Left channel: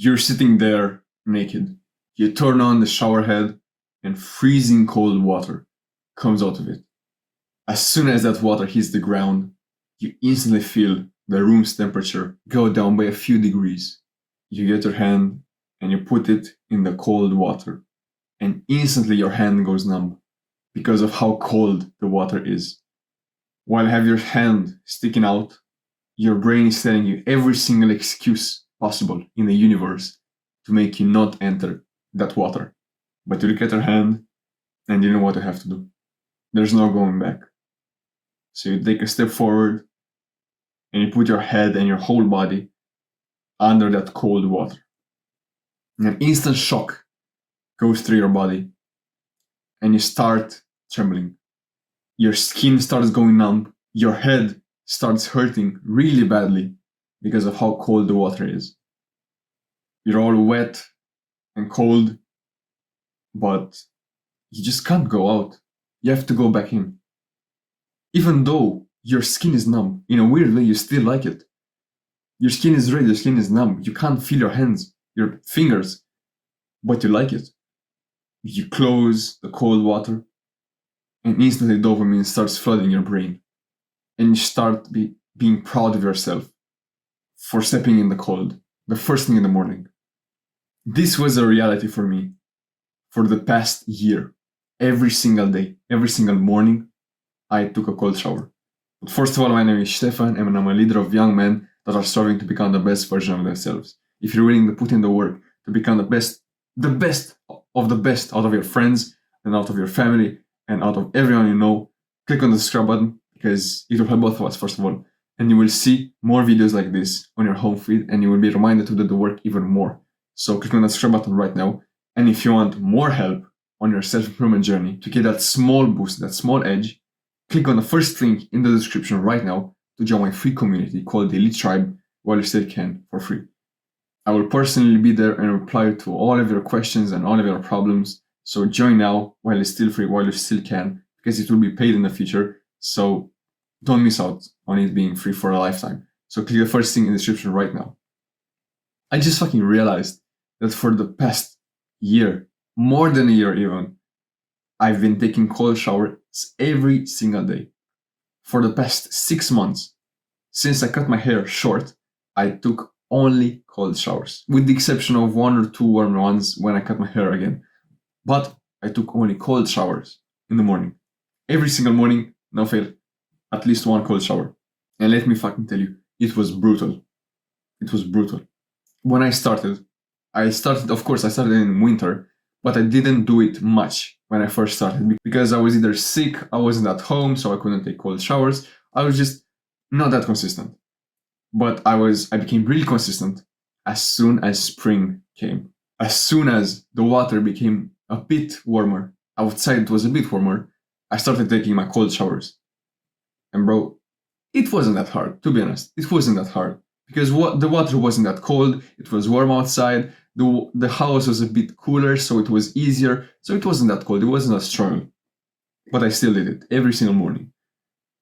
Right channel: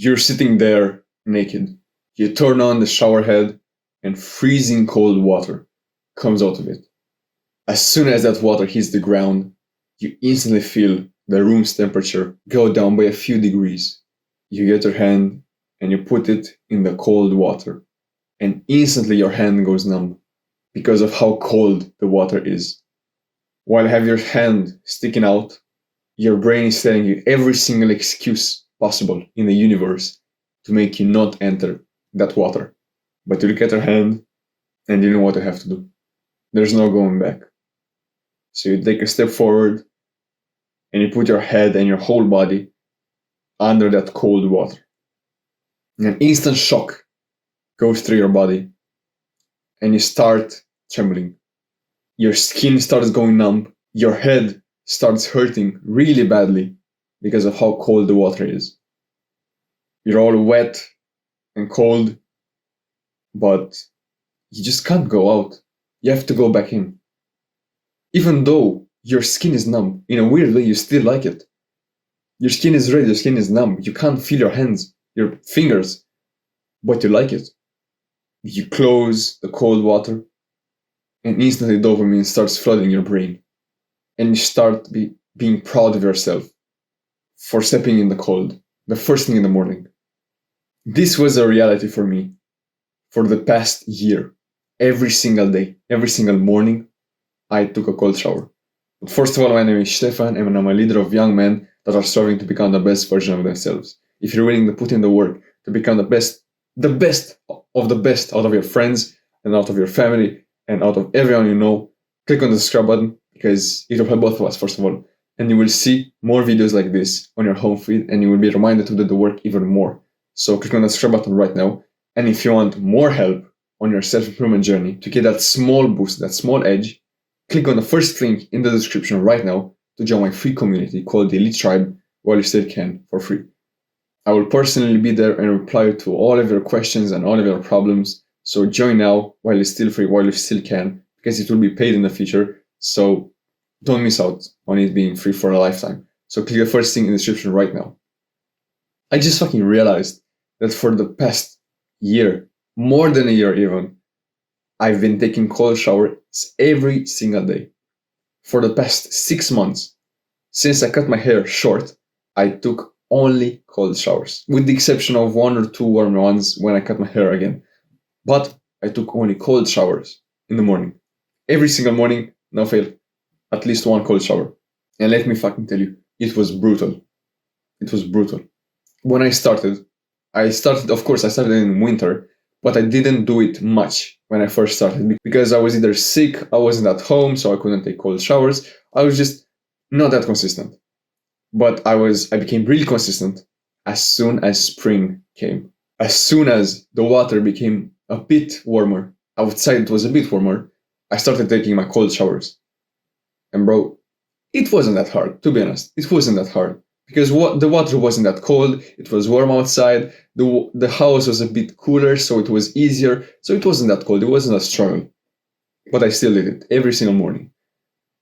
You're sitting there naked. You turn on the shower head, and freezing cold water comes out of it. As soon as that water hits the ground, you instantly feel the room's temperature go down by a few degrees. You get your hand and you put it in the cold water, and instantly your hand goes numb because of how cold the water is. While you have your hand sticking out, your brain is telling you every single excuse possible in the universe to make you not enter that water. But you look at your hand and you know what you have to do. There's no going back. So you take a step forward and you put your head and your whole body under that cold water. And an instant shock goes through your body and you start trembling. Your skin starts going numb. Your head starts hurting really badly because of how cold the water is. You're all wet and cold, but you just can't go out. You have to go back in. Even though your skin is numb, in a weird way, you still like it. Your skin is red, your skin is numb. You can't feel your hands, your fingers, but you like it. You close the cold water, and instantly dopamine starts flooding your brain. And you start being proud of yourself for stepping in the cold, the first thing in the morning. This was a reality for me for the past year. Every single day, every single morning, I took a cold shower. But first of all, my name is Stefan, and I'm a leader of young men that are striving to become the best version of themselves. If you're willing to put in the work to become the best of the best out of your friends and out of your family and out of everyone you know, click on the subscribe button because it will help both of us, first of all. And you will see more videos like this on your home feed, and you will be reminded to do the work even more. So click on the subscribe button right now. And if you want more help on your self-improvement journey to get that small boost, that small edge, click on the first link in the description right now to join my free community called the Elite Tribe while you still can for free. I will personally be there and reply to all of your questions and all of your problems. So join now while it's still free, while you still can, because it will be paid in the future. So don't miss out on it being free for a lifetime. So click the first thing in the description right now. I just fucking realized that for the past year, more than a year even, I've been taking cold showers every single day. For the past 6 months, since I cut my hair short, I took only cold showers, with the exception of 1 or 2 warm ones when I cut my hair again. But I took only cold showers in the morning. Every single morning, no fail, at least 1 cold shower. And let me fucking tell you, it was brutal. It was brutal. When I started, of course, I started in winter, but I didn't do it much when I first started because I was either sick, I wasn't at home, so I couldn't take cold showers. I was just not that consistent. But I became really consistent as soon as spring came. As soon as the water became a bit warmer, outside it was a bit warmer, I started taking my cold showers. And bro, it wasn't that hard, to be honest. It wasn't that hard. Because the water wasn't that cold, it was warm outside, the house was a bit cooler, so it was easier, so it wasn't that cold, it wasn't a struggle. But I still did it every single morning.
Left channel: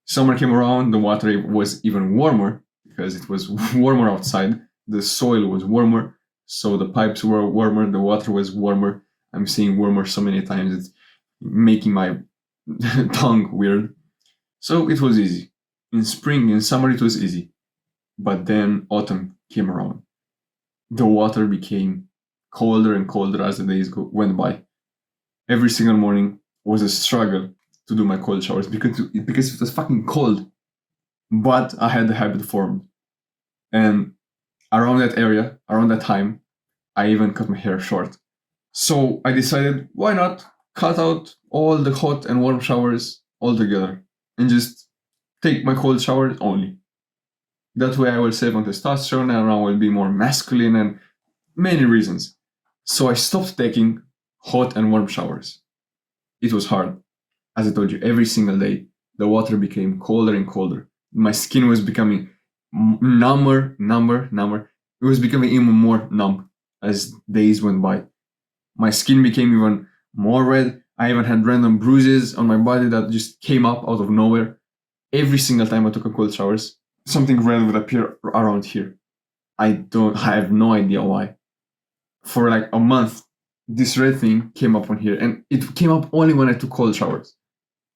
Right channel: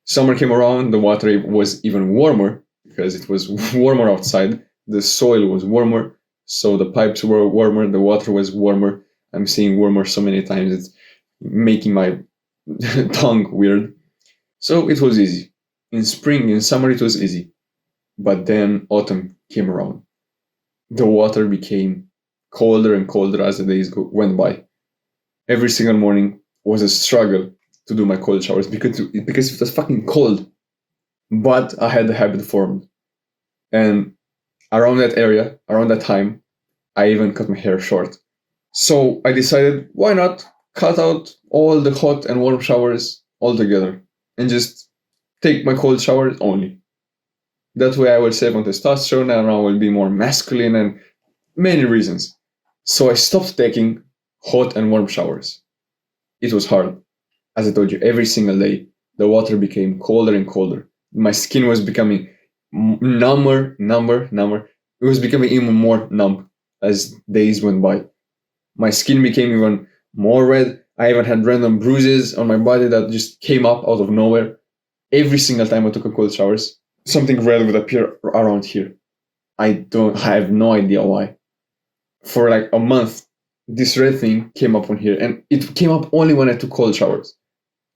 Summer came around, the water was even warmer, because it was warmer outside, the soil was warmer, so the pipes were warmer, the water was warmer. I'm saying warmer so many times, it's making my tongue weird. So it was easy. In spring, in summer, it was easy. But then autumn came around. The water became colder and colder as the days went by. Every single morning was a struggle to do my cold showers because it was fucking cold. But I had the habit formed. And around that time, I even cut my hair short. So I decided, why not cut out all the hot and warm showers altogether and just take my cold showers only. That way I will save on testosterone and I will be more masculine and many reasons. So I stopped taking hot and warm showers. It was hard. As I told you, every single day, the water became colder and colder. My skin was becoming number. It was becoming even more numb as days went by. My skin became even more red. I even had random bruises on my body that just came up out of nowhere. Every single time I took a cold showers, something red would appear around here. I have no idea why. for like a month, this red thing came up on here, and it came up only when I took cold showers.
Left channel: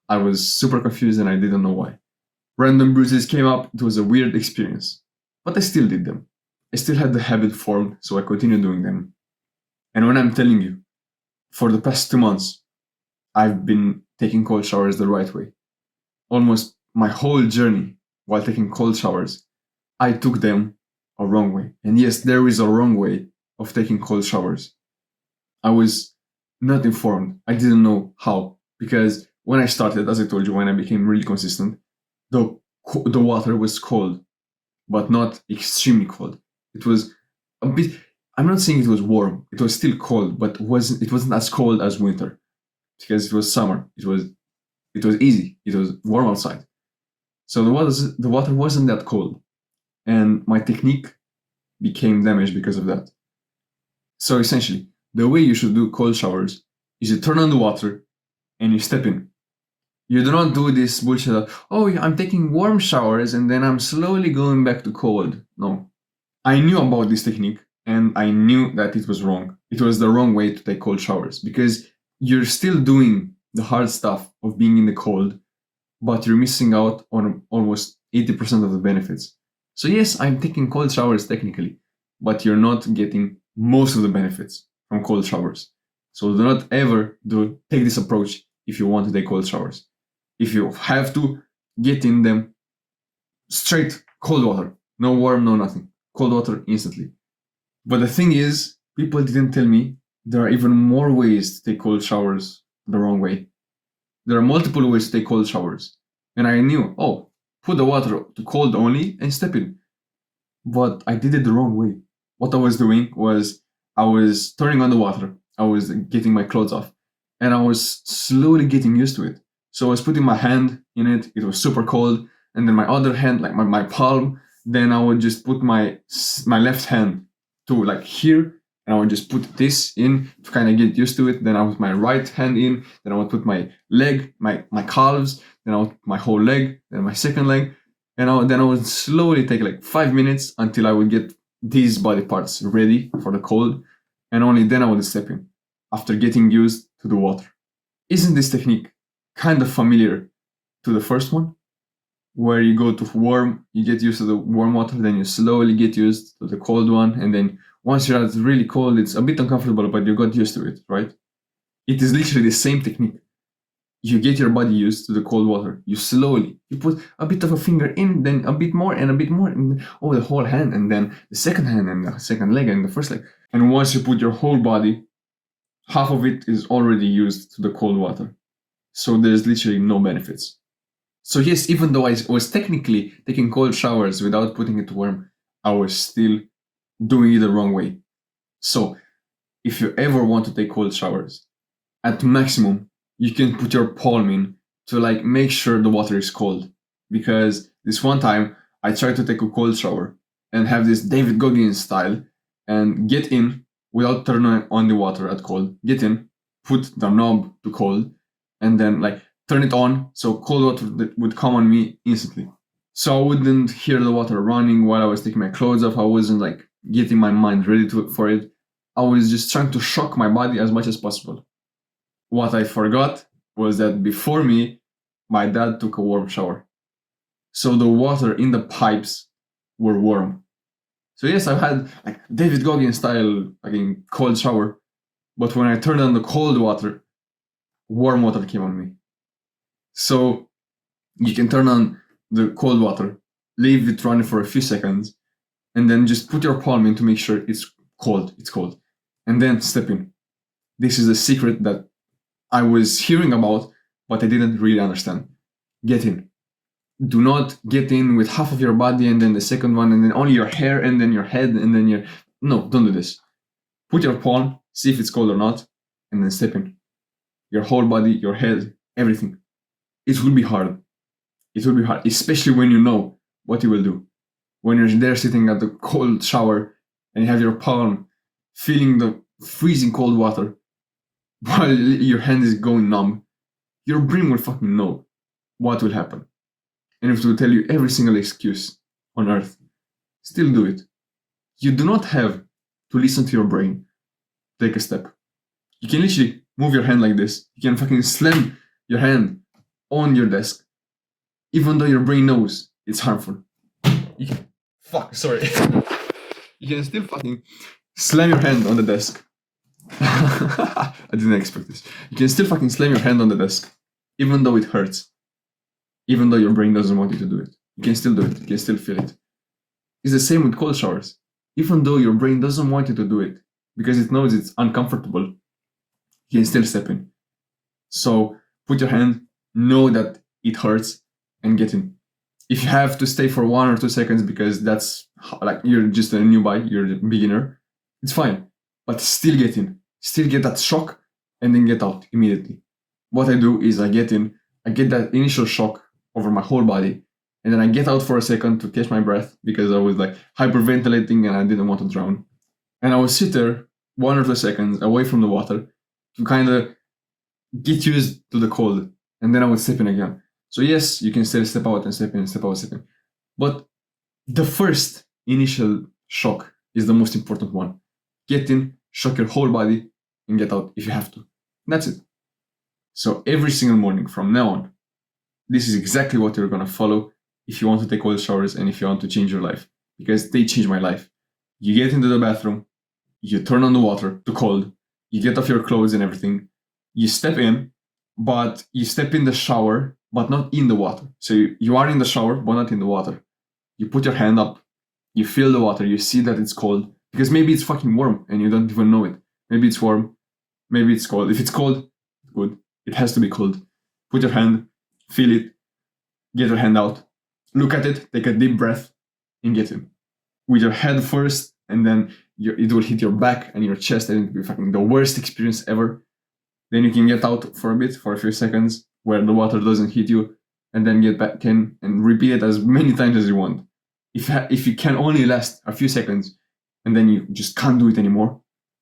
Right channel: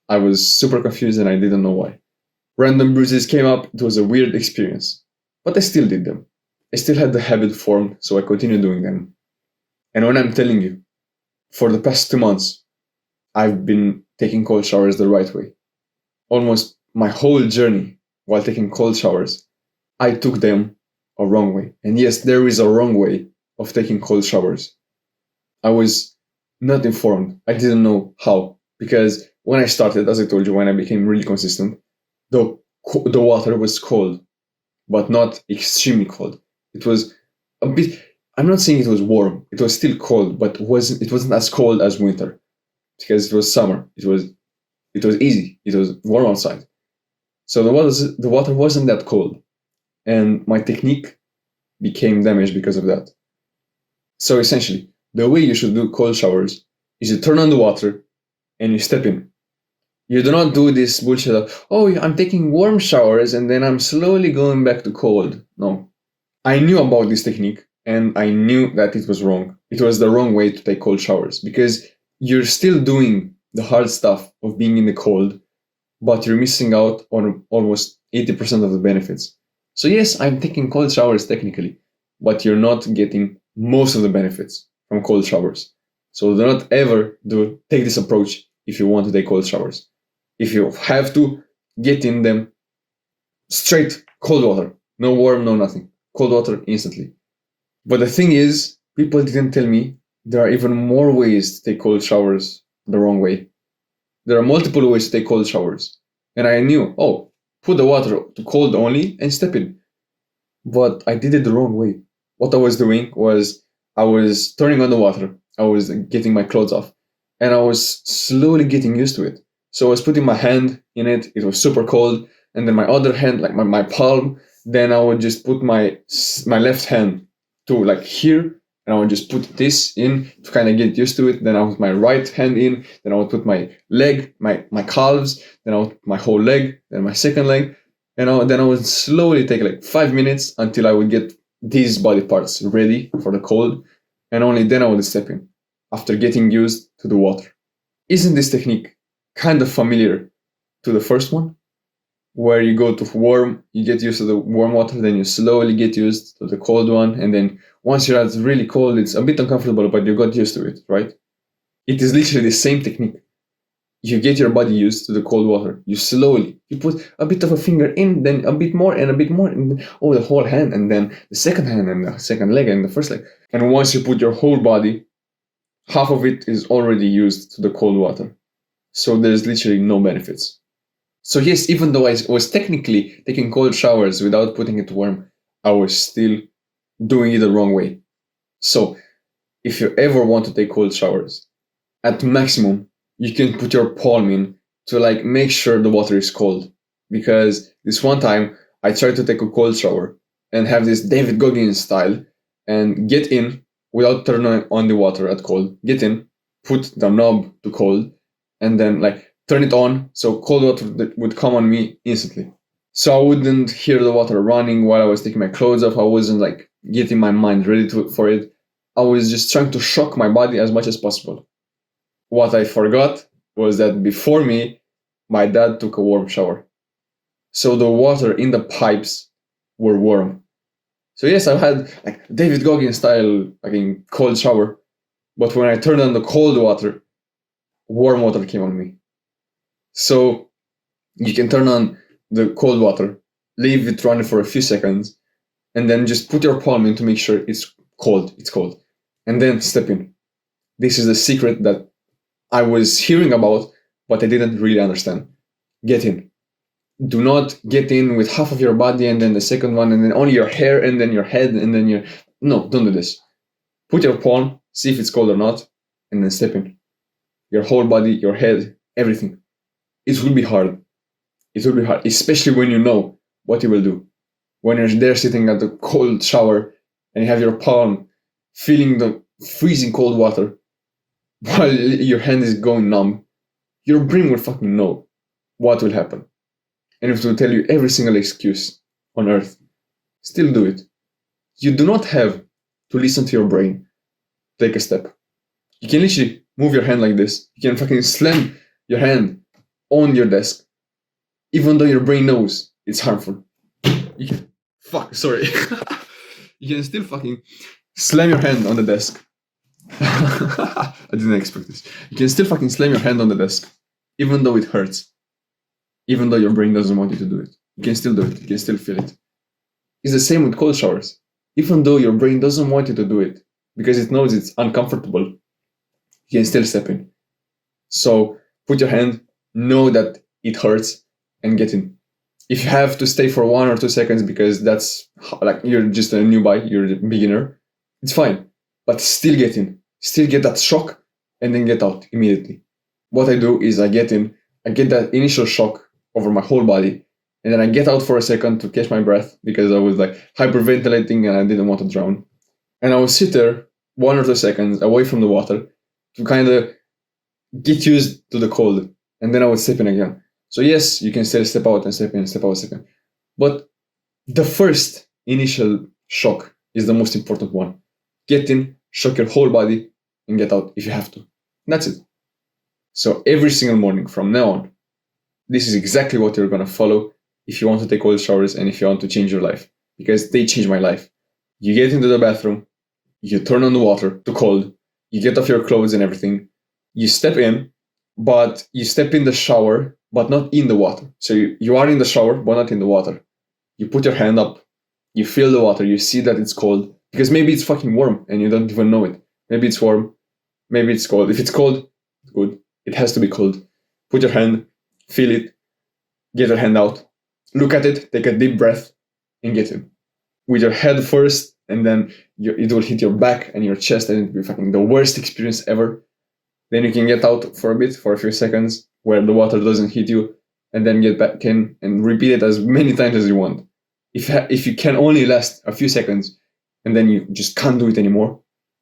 I was super confused and I didn't know why. Random bruises came up. It was a weird experience, but I still did them. I still had the habit formed, so I continued doing them. And when I'm telling you, for the past 2 months, I've been taking cold showers the right way. Almost my whole journey while taking cold showers, I took them a wrong way. And yes, there is a wrong way of taking cold showers. I was not informed. I didn't know how. Because when I started, as I told you, when I became really consistent, the water was cold, but not extremely cold. It was a bit. I'm not saying it was warm. It was still cold, but it wasn't as cold as winter because it was summer. It was easy. It was warm outside. So the water wasn't that cold, and my technique became damaged because of that. So essentially, the way you should do cold showers is you turn on the water and you step in. You do not do this bullshit of, oh, I'm taking warm showers and then I'm slowly going back to cold. No. I knew about this technique and I knew that it was wrong. It was the wrong way to take cold showers because you're still doing the hard stuff of being in the cold, but you're missing out on almost 80% of the benefits. So yes, I'm taking cold showers technically, but you're not getting most of the benefits from cold showers. So do not ever take this approach if you want to take cold showers. If you have to, get in them straight cold water. No warm, no nothing. Cold water instantly. But the thing is, people didn't tell me there are even more ways to take cold showers the wrong way. There are multiple ways to take cold showers. And I knew, oh, put the water to cold only and step in. But I did it the wrong way. What I was doing was I was turning on the water. I was getting my clothes off. And I was slowly getting used to it. So I was putting my hand in it. It was super cold. And then my other hand, like my palm, then I would just put my left hand to like here. And I would just put this in to kind of get used to it. Then I would put my right hand in. Then I would put my leg, my calves. Then I would put my whole leg. Then my second leg. And then I would slowly take like 5 minutes until I would get these body parts ready for the cold. And only then I would step in after getting used to the water. Isn't this technique kind of familiar to the first one? Where you go to warm, you get used to the warm water, then you slowly get used to the cold one, and then once you're at really cold, it's a bit uncomfortable, but you got used to it, right? It is literally the same technique. You get your body used to the cold water. You put a bit of a finger in, then a bit more, and then, the whole hand, and then the second hand, and the second leg, and the first leg. And once you put your whole body, half of it is already used to the cold water. So there's literally no benefits. So yes, even though I was technically taking cold showers without putting it warm, I was still doing it the wrong way. So if you ever want to take cold showers, at maximum, you can put your palm in to like make sure the water is cold. Because this one time, I tried to take a cold shower and have this David Goggins style and get in without turning on the water at cold. Get in, put the knob to cold, and then like turn it on so cold water would come on me instantly. So I wouldn't hear the water running while I was taking my clothes off. I wasn't like getting my mind ready for it. I was just trying to shock my body as much as possible. What I forgot was that before me, my dad took a warm shower. So the water in the pipes were warm. So yes, I've had like David Goggins style cold shower, but when I turned on the cold water, warm water came on me. So you can turn on the cold water, leave it running for a few seconds, and then just put your palm in to make sure it's cold. It's cold. And then step in. This is the secret that I was hearing about, but I didn't really understand. Get in. Do not get in with half of your body and then the second one and then only your hair and then your head and then your... No, don't do this. Put your palm, see if it's cold or not, and then step in. Your whole body, your head, everything. It will be hard. It will be hard, especially when you know what you will do. When you're there sitting at the cold shower and you have your palm feeling the freezing cold water while your hand is going numb, your brain will fucking know what will happen. And it will tell you every single excuse on earth. Still do it. You do not have to listen to your brain. take a step. You can literally move your hand like this. You can fucking slam your hand on your desk, even though your brain knows it's harmful. You can, sorry. You can still fucking slam your hand on the desk. I didn't expect this. You can still fucking slam your hand on the desk, even though it hurts. Even though your brain doesn't want you to do it. You can still do it. You can still feel it. It's the same with cold showers. Even though your brain doesn't want you to do it, because it knows it's uncomfortable, you can still step in. So put your hand, know that it hurts, and get in. If you have to stay for 1 or 2 seconds because that's like you're just a newbie, you're a beginner, it's fine. But still get in. Still get that shock and then get out immediately. What I do is I get in, I get that initial shock over my whole body, and then I get out for a second to catch my breath because I was like hyperventilating and I didn't want to drown. And I would sit there 1 or 2 seconds away from the water to kind of get used to the cold, and then I would step in again. So yes, you can still step out and step in, step out, step in. But the first initial shock is the most important one. Get in, shock your whole body, and get out if you have to. That's it. So every single morning from now on, this is exactly what you're going to follow if you want to take cold showers and if you want to change your life. Because they changed my life. You get into the bathroom, you turn on the water to cold, you get off your clothes and everything, you step in, but you step in the shower, but not in the water. So you are in the shower, but not in the water. You put your hand up, you feel the water, you see that it's cold, because maybe it's fucking warm and you don't even know it. Maybe it's warm, maybe it's cold. If it's cold, good. It has to be cold. Put your hand, feel it, get your hand out, look at it, take a deep breath, and get in. With your head first, and then it will hit your back and your chest, and it will be fucking the worst experience ever. Then you can get out for a bit, for a few seconds, where the water doesn't hit you, and then get back in and repeat it as many times as you want. If you can only last a few seconds, and then you just can't do it anymore,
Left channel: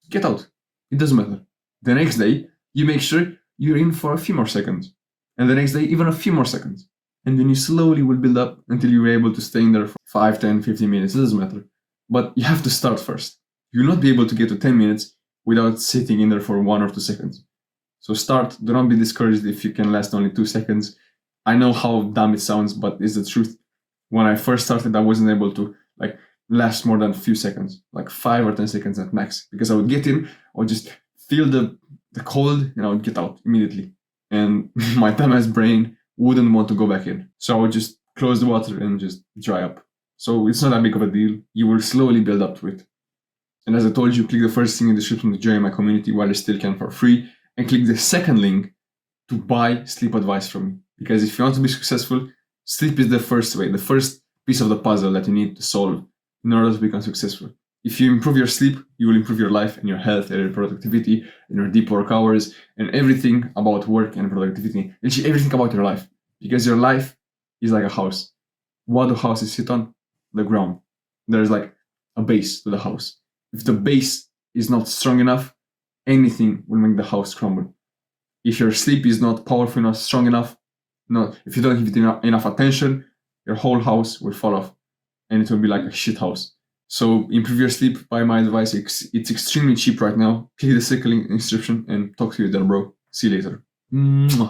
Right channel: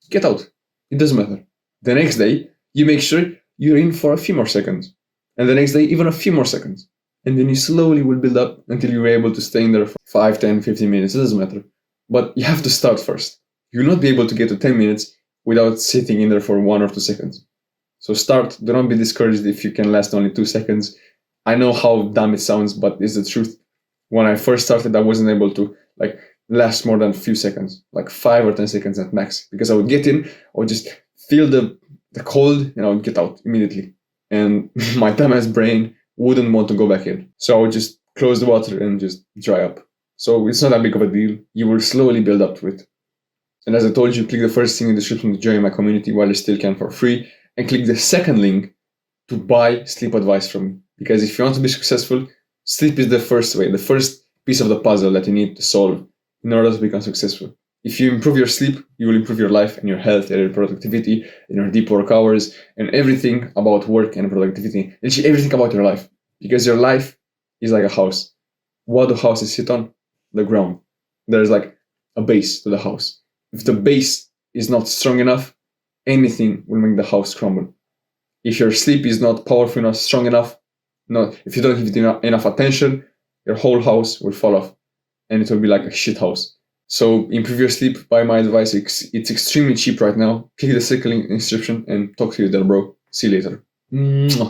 get out. It doesn't matter. The next day, you make sure you're in for a few more seconds. And the next day, even a few more seconds. And then you slowly will build up until you're able to stay in there for 5, 10, 15 minutes. It doesn't matter. But you have to start first. You will not be able to get to 10 minutes without sitting in there for 1 or 2 seconds. So start. Do not be discouraged if you can last only 2 seconds. I know how dumb it sounds, but it's the truth. When I first started, I wasn't able to last more than a few seconds, like 5 or 10 seconds at max, because I would get in, I would just feel the cold, and I would get out immediately. And my dumbass brain wouldn't want to go back in. So I would just close the water and just dry up. So it's not that big of a deal. You will slowly build up to it. And as I told you, click the first thing in the description to join my community while you still can for free. And click the second link to buy sleep advice from me. Because if you want to be successful, sleep is the first way, the first piece of the puzzle that you need to solve in order to become successful. If you improve your sleep, you will improve your life and your health and your productivity and your deep work hours and everything about work and productivity. Literally everything about your life. Because your life is like a house. What do houses sit on? The ground. There's like a base to the house. If the base is not strong enough, anything will make the house crumble. If your sleep is not powerful enough, strong enough, if you don't give it enough attention, your whole house will fall off and it will be like a shit house. So improve your sleep. Buy my advice. It's extremely cheap right now. Click the second link in the description and talk to you there, bro. See you later. Mwah.